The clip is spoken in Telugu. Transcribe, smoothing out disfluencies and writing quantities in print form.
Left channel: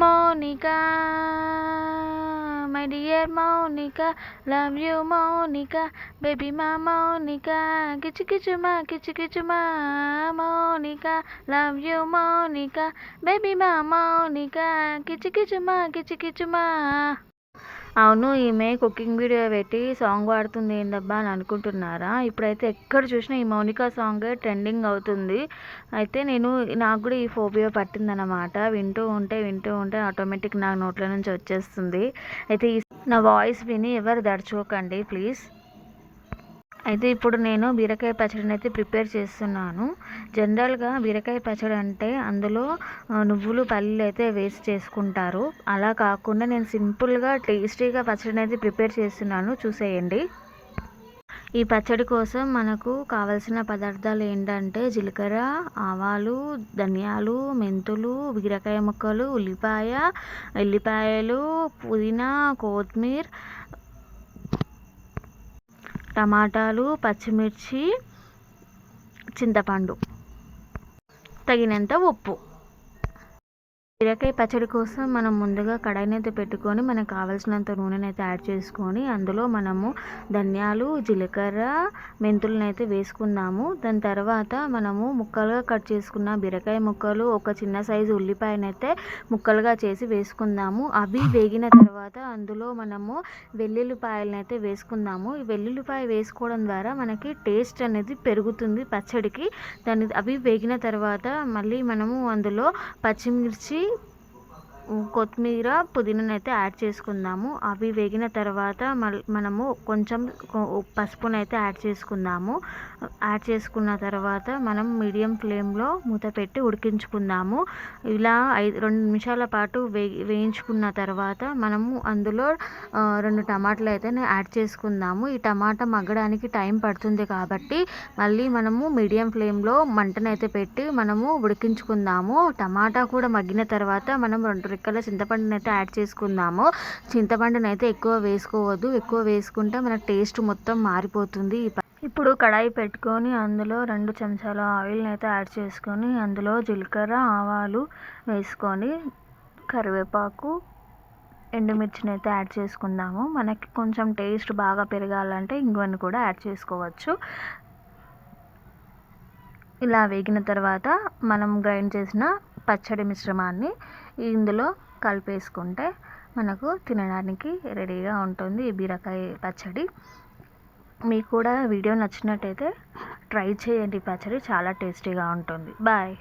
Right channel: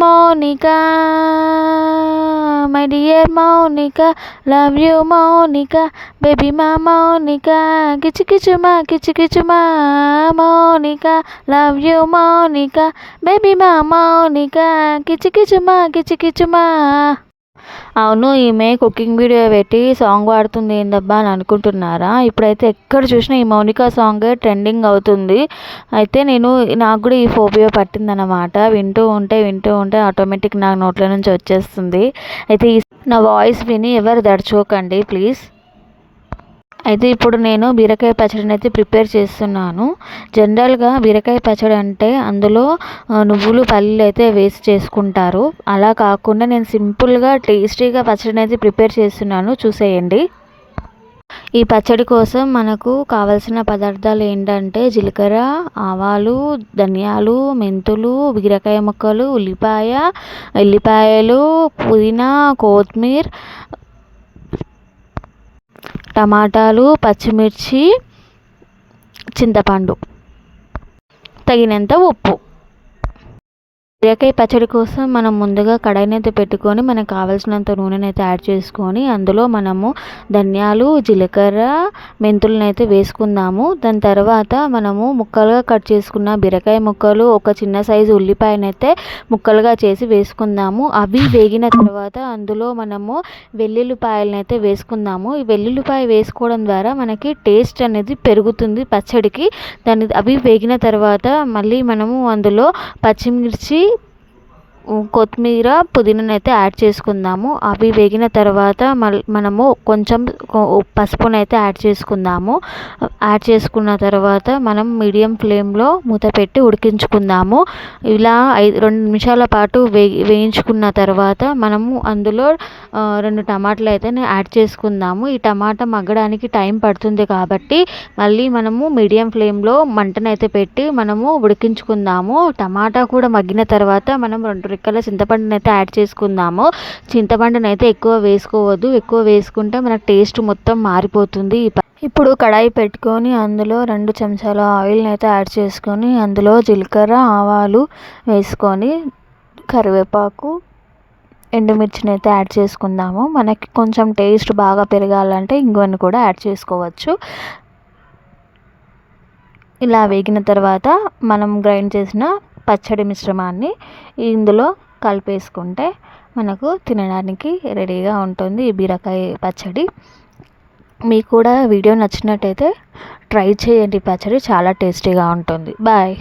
Mounika my dear Mounika love you Mounika baby మా మౌనిక కిచుకిచుమా Mounika love you Mounika baby మా మౌనిక కిచుకిచుమా. అవును, ఈమె కుకింగ్ వీడియో పెట్టి సాంగ్ పాడుతుంది ఏందబ్బా అని అనుకుంటున్నారా? ఇప్పుడైతే ఎక్కడ చూసినా ఈ మౌనిక సాంగ్ ట్రెండింగ్ అవుతుంది. అయితే నాకు కూడా ఈ ఫోబియా పట్టిందనమాట. వింటూ ఉంటే ఆటోమేటిక్ నాకు నోట్ల నుంచి వచ్చేస్తుంది. అయితే నా వాయిస్ విని ఎవరు దడుచుకోకండి ప్లీజ్. అయితే ఇప్పుడు నేను బీరకాయ పచ్చడిని అయితే ప్రిపేర్ చేస్తున్నాను. జనరల్గా బీరకాయ పచ్చడి అంటే అందులో నువ్వులు పల్లీలు అయితే వేసి చేసుకుంటారు. అలా కాకుండా నేను సింపుల్గా టేస్టీగా పచ్చడిని అయితే ప్రిపేర్ చేస్తున్నాను, చూసేయండి. ఈ పచ్చడి కోసం మనకు కావలసిన పదార్థాలు ఏంటంటే జీలకర్ర, ఆవాలు, ధనియాలు, మెంతులు, బీరకాయ ముక్కలు, ఎల్లిపాయలు, పుదీనా, కొత్తిమీర, టమాటాలు, పచ్చిమిర్చి, చింతపండు, తగినంత ఉప్పు. బీరకాయ పచ్చడి కోసం మనం ముందుగా కడాయిని అయితే పెట్టుకొని మనకు కావాల్సినంత నూనెని అయితే యాడ్ చేసుకొని అందులో మనము ధనియాలు, జీలకర్ర, మెంతులను అయితే వేసుకుందాము. దాని తర్వాత మనము ముక్కలుగా కట్ చేసుకున్న బీరకాయ ముక్కలు, ఒక చిన్న సైజు ఉల్లిపాయను అయితే ముక్కలుగా చేసి వేసుకుందాము. అవి వేగిన తర్వాత అందులో మనము వెల్లుల్లిపాయలను అయితే వేసుకుందాము. ఈ వెల్లుల్లిపాయ వేసుకోవడం ద్వారా మనకి టేస్ట్ అనేది పెరుగుతుంది పచ్చడికి. అవి వేగిన తర్వాత మళ్ళీ మనము అందులో పచ్చిమిర్చి, కొత్తిమీర, పుదీనాను అయితే యాడ్ చేసుకుందాము. అవి వేగిన తర్వాత మనము కొంచెం పసుపును అయితే యాడ్ చేసుకుందాము. యాడ్ చేసుకున్న తర్వాత మనం మీడియం ఫ్లేమ్లో మూత పెట్టి ఉడికించుకుందాము. ఇలా 2 నిమిషాల పాటు వేయించుకున్న తర్వాత మనము అందులో 2 టమాటాలు అయితే యాడ్ చేసుకుందాము. ఈ టమాటా మగ్గడానికి టైం పడుతుంది కాబట్టి మళ్ళీ మనము మీడియం ఫ్లేమ్లో మంటనైతే పెట్టి మనము ఉడికించుకుందాము. టమాటా కూడా మగ్గిన తర్వాత మనం 2 రెక్కల చింతపండుని అయితే యాడ్ చేసుకుందాము. చింతపండుని అయితే ఎక్కువ వేసుకోవద్దు, ఎక్కువ వేసుకుంటే మన టేస్ట్ మొత్తం మారిపోతుంది. ఇప్పుడు కడాయి పెట్టుకొని అందులో 2 చెంచాల ఆయిల్ని అయితే యాడ్ చేసుకొని అందులో జీలకర్ర, ఆవాలు వేసుకొని కరివేపాకు, ఎండుమిర్చిని అయితే యాడ్ చేసుకుందాము. మనకి కొంచెం టేస్ట్ బాగా పెరగాలంటే ఇంగువను కూడా యాడ్ చేసుకోవచ్చు. ఇలా వేగిన తర్వాత మనం గ్రైండ్ చేసిన పచ్చడి మిశ్రమాన్ని ఇందులో కలిపేసుకుంటే మనకు తినడానికి రెడీగా ఉంటుంది ఈ బీరకాయ పచ్చడి. మీకు కూడా వీడియో నచ్చినట్టయితే ట్రై చేయండి, పచ్చడి చాలా టేస్టీగా ఉంటుంది. బాయ్.